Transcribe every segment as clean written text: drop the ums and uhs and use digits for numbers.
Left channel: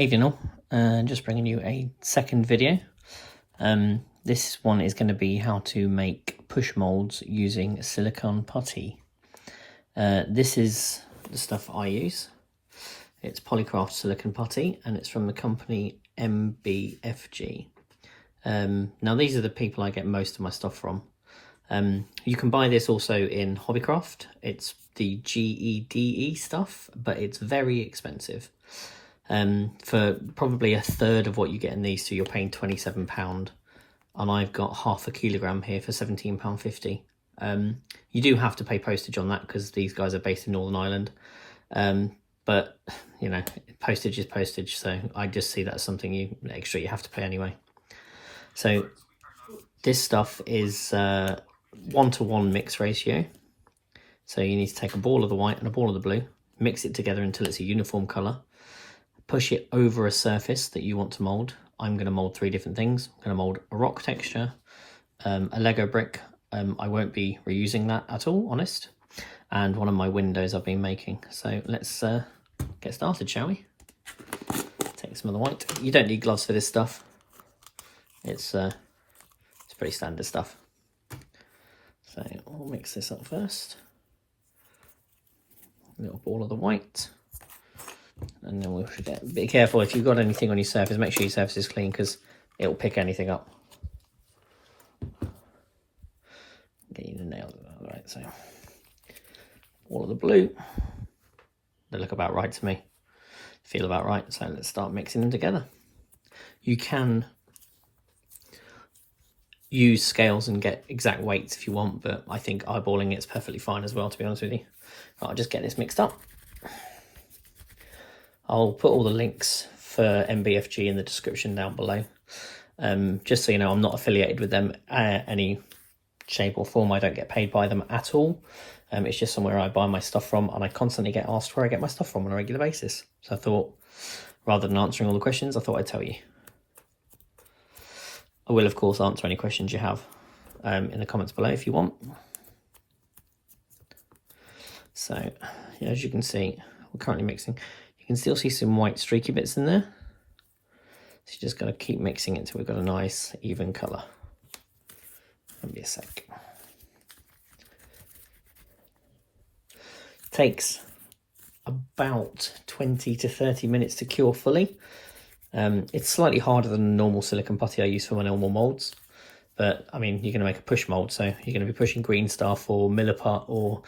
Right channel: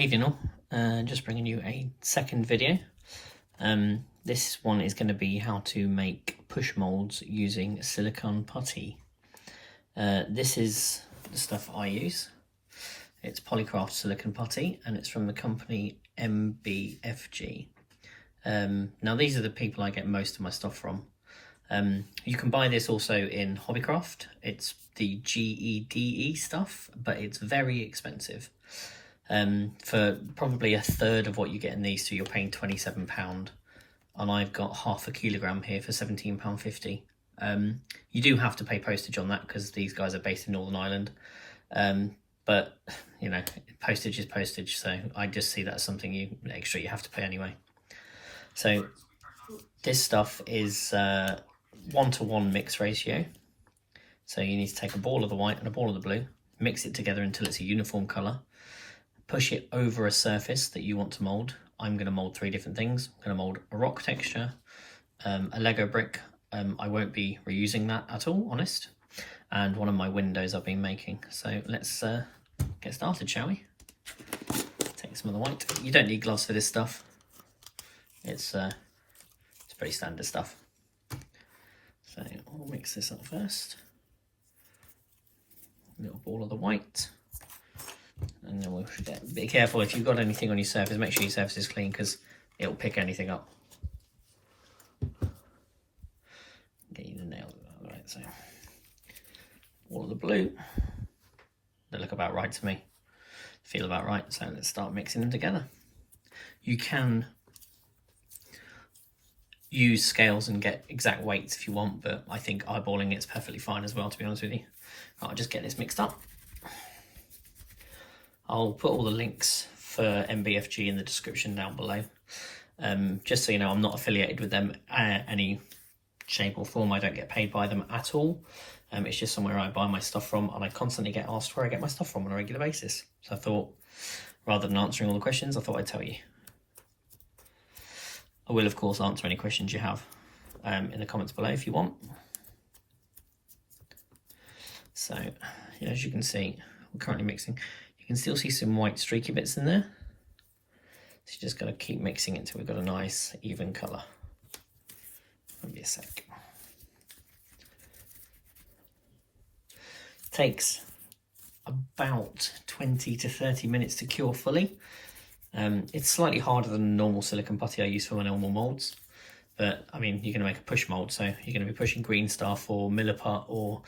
Evening all, just bringing you a second video. This one is going to be how to make push moulds using silicone putty. This is the stuff I use. It's Polycraft silicone putty and it's from the company MBFG. Now these are the people I get most of my stuff from. You can buy this also in Hobbycraft. It's the GEDE stuff, but it's very expensive. For probably a third of what you get in these, so you're paying £27, and I've got half a kilogram here for £17.50. You do have to pay postage on that because these guys are based in Northern Ireland, but you know, postage is postage, so I just see that as something extra you have to pay anyway. So this stuff is 1-to-1 mix ratio, so you need to take a ball of the white and a ball of the blue, mix it together until it's a uniform colour. Push it over a surface that you want to mould. I'm going to mould 3 different things. I'm going to mould a rock texture, a Lego brick. I won't be reusing that at all, honest. And one of my windows I've been making. So let's get started, shall we? Take some of the white. You don't need gloves for this stuff. It's pretty standard stuff. So we'll mix this up first. A little ball of the white. And then we'll be careful if you've got anything on your surface, make sure your surface is clean because it'll pick anything up. Get you the nail. Right, so all of the blue, they look about right to me, feel about right, so let's start mixing them together. You can use scales and get exact weights if you want, but I think eyeballing it's perfectly fine as well, to be honest with you. I'll just get this mixed up. I'll put all the links for MBFG in the description down below. Just so you know, I'm not affiliated with them any shape or form. I don't get paid by them at all. It's just somewhere I buy my stuff from, and I constantly get asked where I get my stuff from on a regular basis. So I thought, rather than answering all the questions, I thought I'd tell you. I will, of course, answer any questions you have in the comments below if you want. So, as you can see, we're currently mixing. You can still see some white streaky bits in there. So you just got to keep mixing it until we've got a nice even colour. Give me a sec. Takes about 20 to 30 minutes to cure fully. It's slightly harder than the normal silicone putty I use for my normal moulds. But I mean, you're going to make a push mould, so you're going to be pushing green stuff or milliput or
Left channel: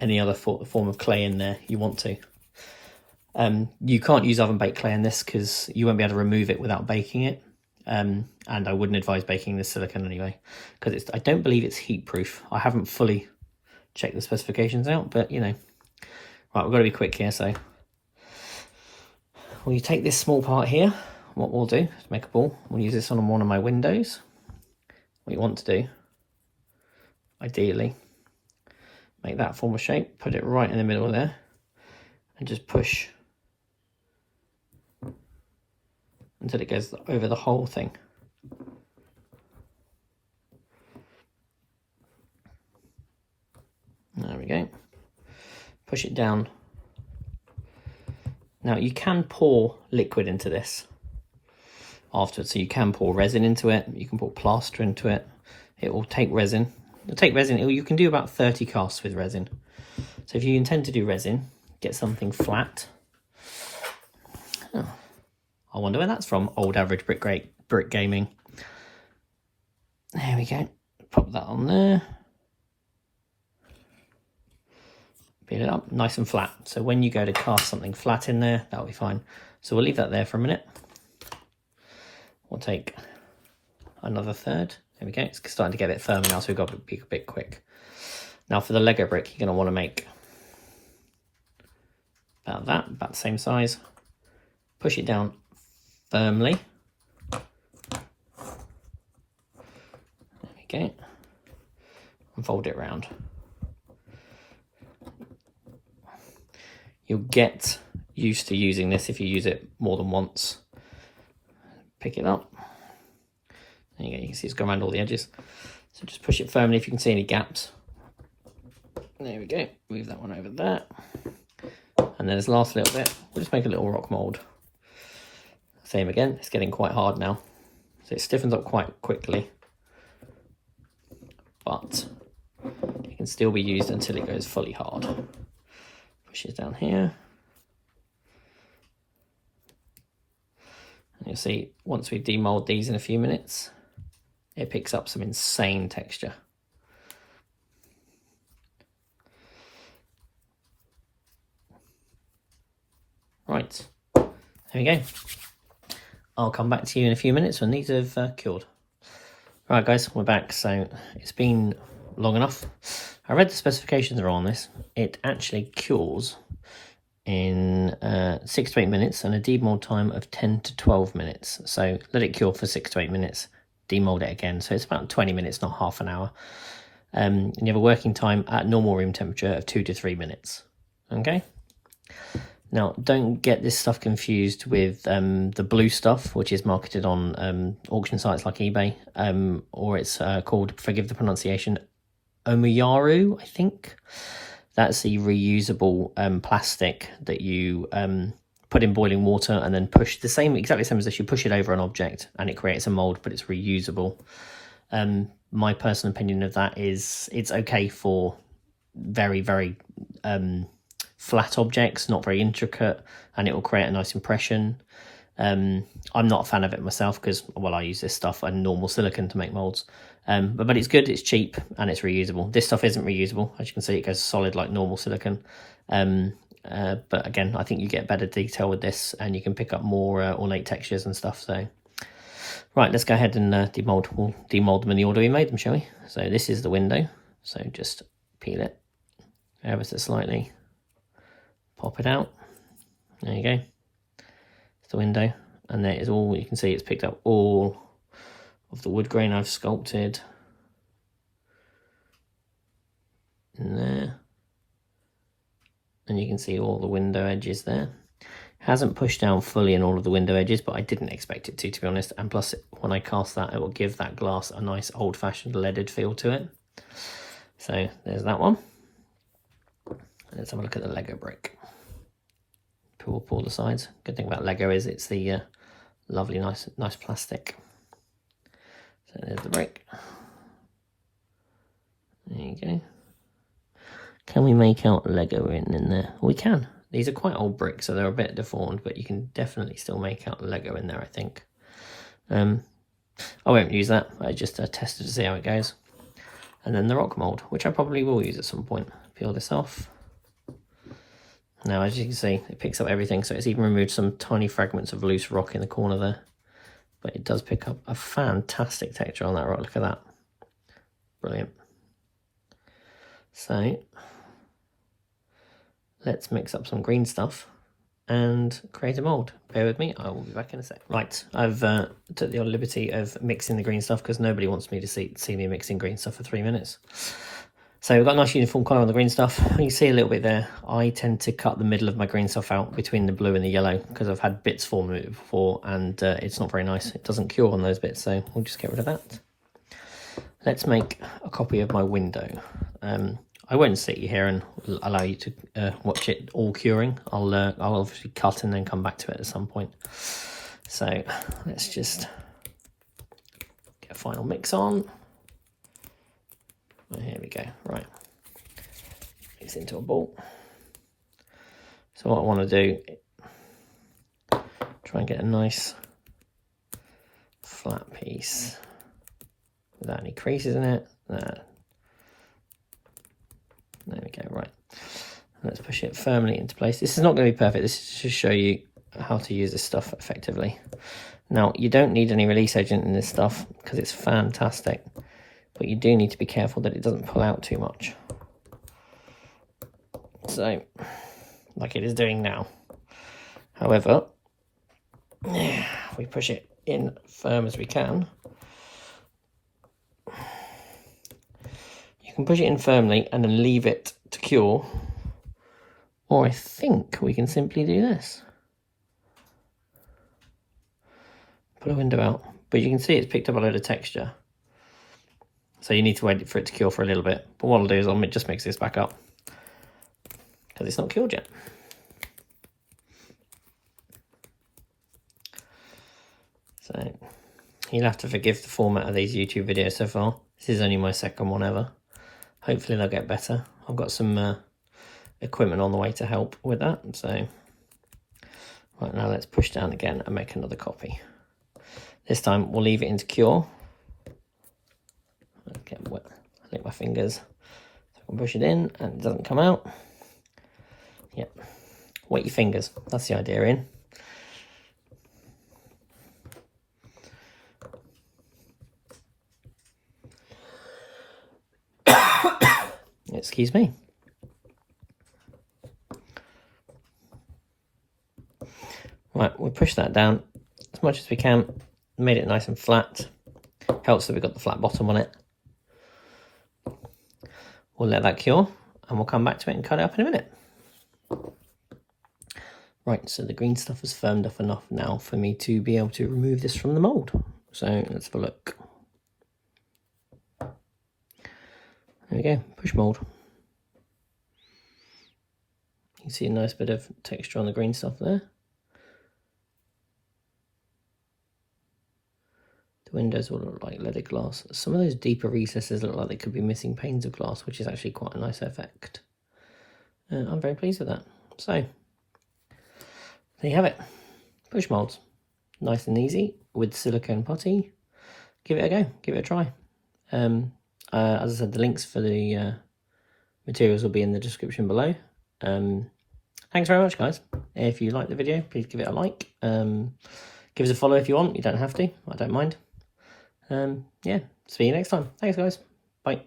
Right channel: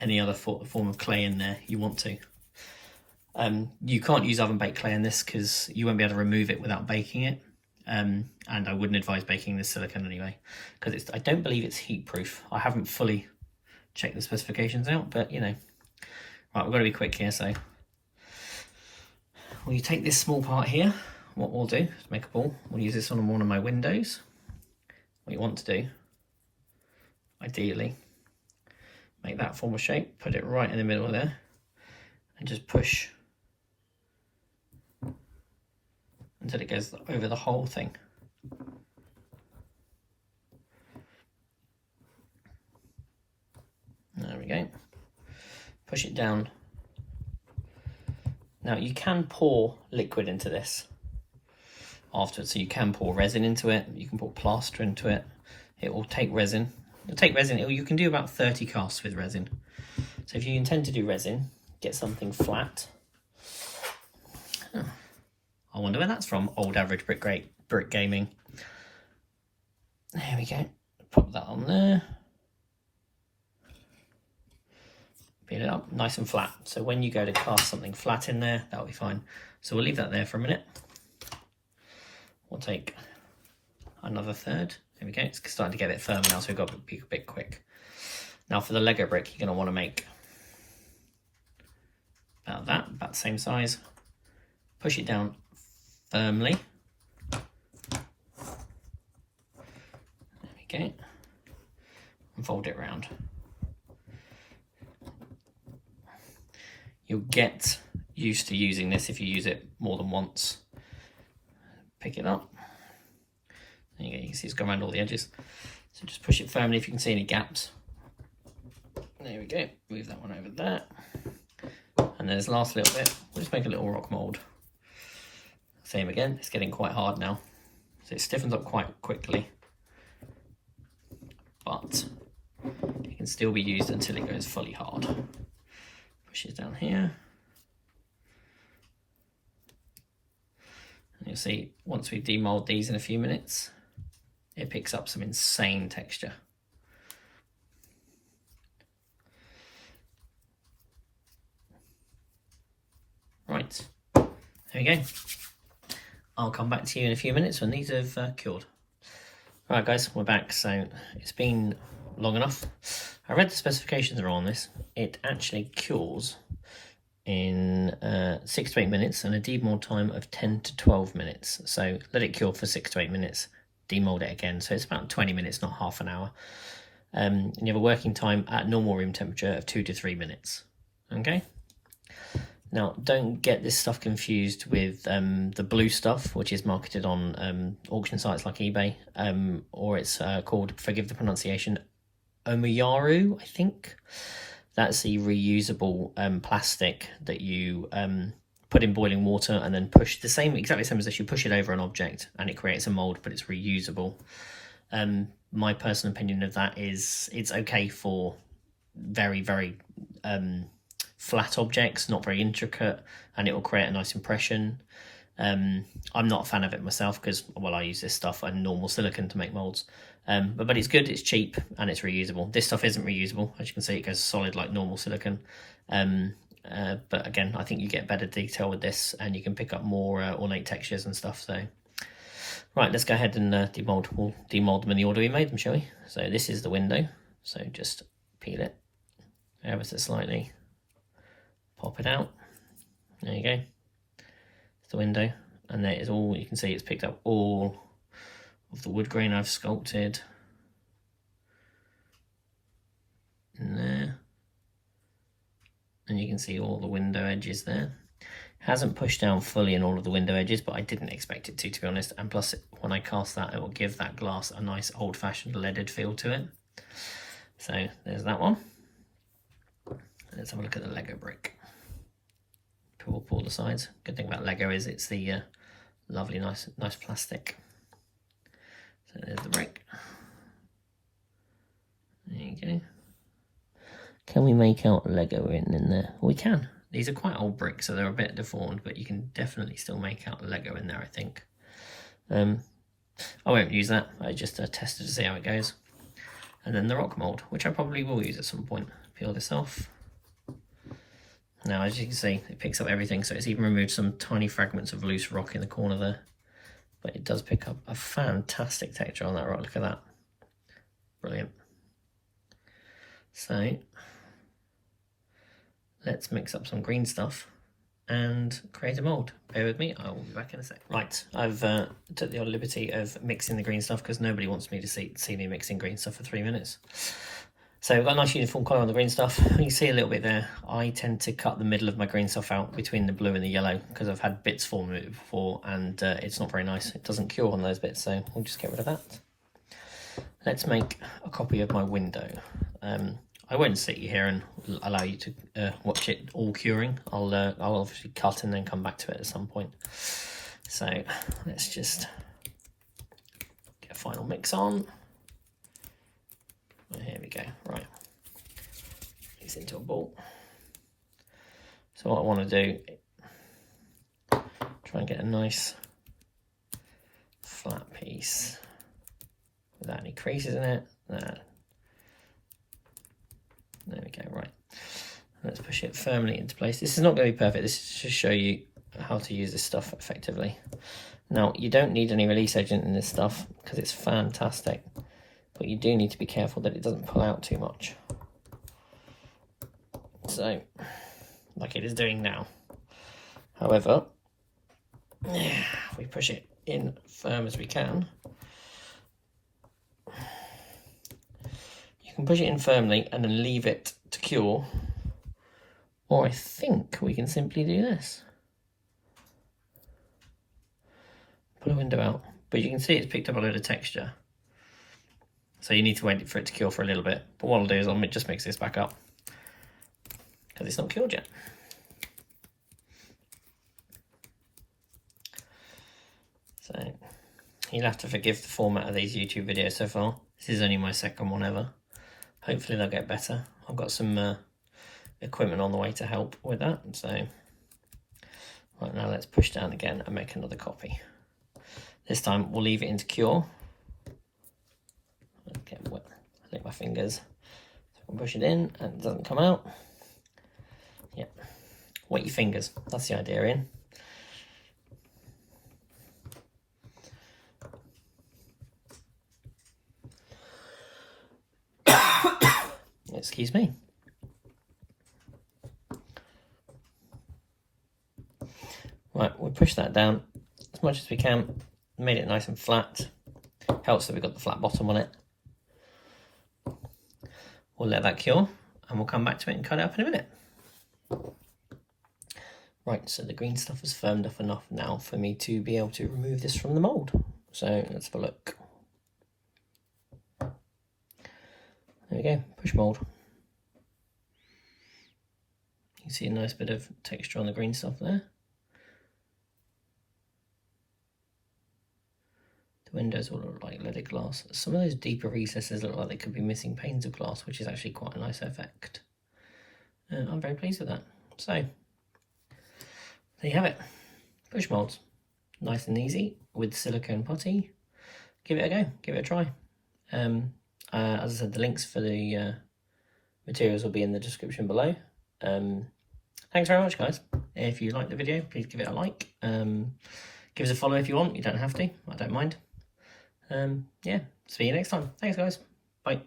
any other form of clay in there you want to. You can't use oven baked clay in this because you won't be able to remove it without baking it, and I wouldn't advise baking this silicone anyway because I don't believe it's heat proof. I haven't fully checked the specifications out, but you know. Right, we've got to be quick here, so well, you take this small part here. What we'll do is make a ball. We'll use this on one of my windows. What you want to do, ideally, make that form a shape, put it right in the middle there, and just push until it goes over the whole thing. There we go. Push it down. Now you can pour liquid into this afterwards, so you can pour resin into it, you can pour plaster into it. It will take resin. It'll take resin. You can do about 30 casts with resin. So if you intend to do resin, get something flat. Oh, I wonder where that's from. Old average brick gaming. There we go. Pop that on there. Peel it up nice and flat. So when you go to cast something flat in there, that'll be fine. So we'll leave that there for a minute. We'll take another third. There we go. It's starting to get a bit firmer now, so we've got to be a bit quick. Now for the Lego brick, you're going to want to make about the same size. Push it down firmly. There we go. And fold it round. You'll get used to using this if you use it more than once. Pick it up. There you go. You can see it's gone around all the edges. So just push it firmly if you can see any gaps. There we go. Move that one over there. And then this last little bit, we'll just make a little rock mould. Same again, it's getting quite hard now. So it stiffens up quite quickly, but it can still be used until it goes fully hard. Push it down here. And you'll see, once we demold these in a few minutes, it picks up some insane texture. Right, there we go. I'll come back to you in a few minutes when these have cured. Right guys, we're back. So it's been long enough. I read the specifications are on this. It actually cures in 6 to 8 minutes and a demold time of 10 to 12 minutes. So let it cure for 6 to 8 minutes, demold it again. So it's about 20 minutes, not half an hour. And you have a working time at normal room temperature of 2 to 3 minutes. Okay. Now, don't get this stuff confused with the blue stuff, which is marketed on auction sites like eBay, or it's called, forgive the pronunciation, Omiyaru, I think. That's the reusable plastic that you put in boiling water and then push, exactly the same as this, you push it over an object and it creates a mould, but it's reusable. My personal opinion of that is it's okay for very, very flat objects, not very intricate, and it will create a nice impression. I'm not a fan of it myself because, well, I use this stuff and normal silicone to make moulds. But it's good, it's cheap, and it's reusable. This stuff isn't reusable. As you can see, it goes solid like normal silicone. But again, I think you get better detail with this, and you can pick up more ornate textures and stuff. So, right, let's go ahead and demold. We'll demold them in the order we made them, shall we? So this is the window. So just peel it ever so slightly. Pop it out. There you go. It's the window, and there is all you can see. It's picked up all of the wood grain I've sculpted in there, and you can see all the window edges there. Hasn't pushed down fully in all of the window edges, but I didn't expect it to be honest. And plus, when I cast that, it will give that glass a nice old-fashioned leaded feel to it. So there's that one. Let's have a look at the Lego brick. Pull up all the sides. Good thing about Lego is it's the lovely, nice plastic. So there's the brick. There you go. Can we make out Lego in there? We can. These are quite old bricks, so they're a bit deformed, but you can definitely still make out Lego in there, I think. I won't use that. I just tested to see how it goes. And then the rock mould, which I probably will use at some point. Peel this off. Now, as you can see, it picks up everything, so it's even removed some tiny fragments of loose rock in the corner there. But it does pick up a fantastic texture on that rock. Look at that. Brilliant. So, let's mix up some green stuff and create a mould. Bear with me, I will be back in a sec. Right, I've took the odd liberty of mixing the green stuff because nobody wants me to see me mixing green stuff for 3 minutes. So we've got a nice uniform colour on the green stuff. You can see a little bit there. I tend to cut the middle of my green stuff out between the blue and the yellow because I've had bits form it before, and it's not very nice. It doesn't cure on those bits, so we'll just get rid of that. Let's make a copy of my window. I won't sit you here and allow you to watch it all curing. I'll obviously cut and then come back to it at some point. So let's just get a final mix on. Here we go, right. Mix into a ball. So what I want to do, try and get a nice flat piece without any creases in it. There we go, right. Let's push it firmly into place. This is not going to be perfect. This is to show you how to use this stuff effectively. Now, you don't need any release agent in this stuff because it's fantastic. But you do need to be careful that it doesn't pull out too much. So, like it is doing now. However, if we push it in firm as we can, you can push it in firmly and then leave it to cure. Or I think we can simply do this. Pull a window out. But you can see it's picked up a load of texture. So you need to wait for it to cure for a little bit. But what I'll do is I'll just mix this back up because it's not cured yet. You'll have to forgive the format of these YouTube videos so far. This is only my second one ever. Hopefully they'll get better. I've got some equipment on the way to help with that. So right, now let's push down again and make another copy. This time we'll leave it in to cure. Get wet. I lick my fingers. So I can push it in and it doesn't come out. Yep. Wet your fingers. That's the idea, Iain. Excuse me. Right, we'll push that down as much as we can. Made it nice and flat. Helps that we've got the flat bottom on it. We'll let that cure and we'll come back to it and cut it up in a minute. Right, so the green stuff has firmed up enough now for me to be able to remove this from the mould. So let's have a look. There we go, push mould. You can see a nice bit of texture on the green stuff there. The windows all look like leaded glass. Some of those deeper recesses look like they could be missing panes of glass, which is actually quite a nice effect. I'm very pleased with that. So, there you have it. Push moulds. Nice and easy with silicone putty. Give it a go, give it a try. As I said, the links for the materials will be in the description below. Thanks very much, guys. If you liked the video, please give it a like. Give us a follow if you want. You don't have to. I don't mind. Yeah, see you next time. Thanks, guys. Bye.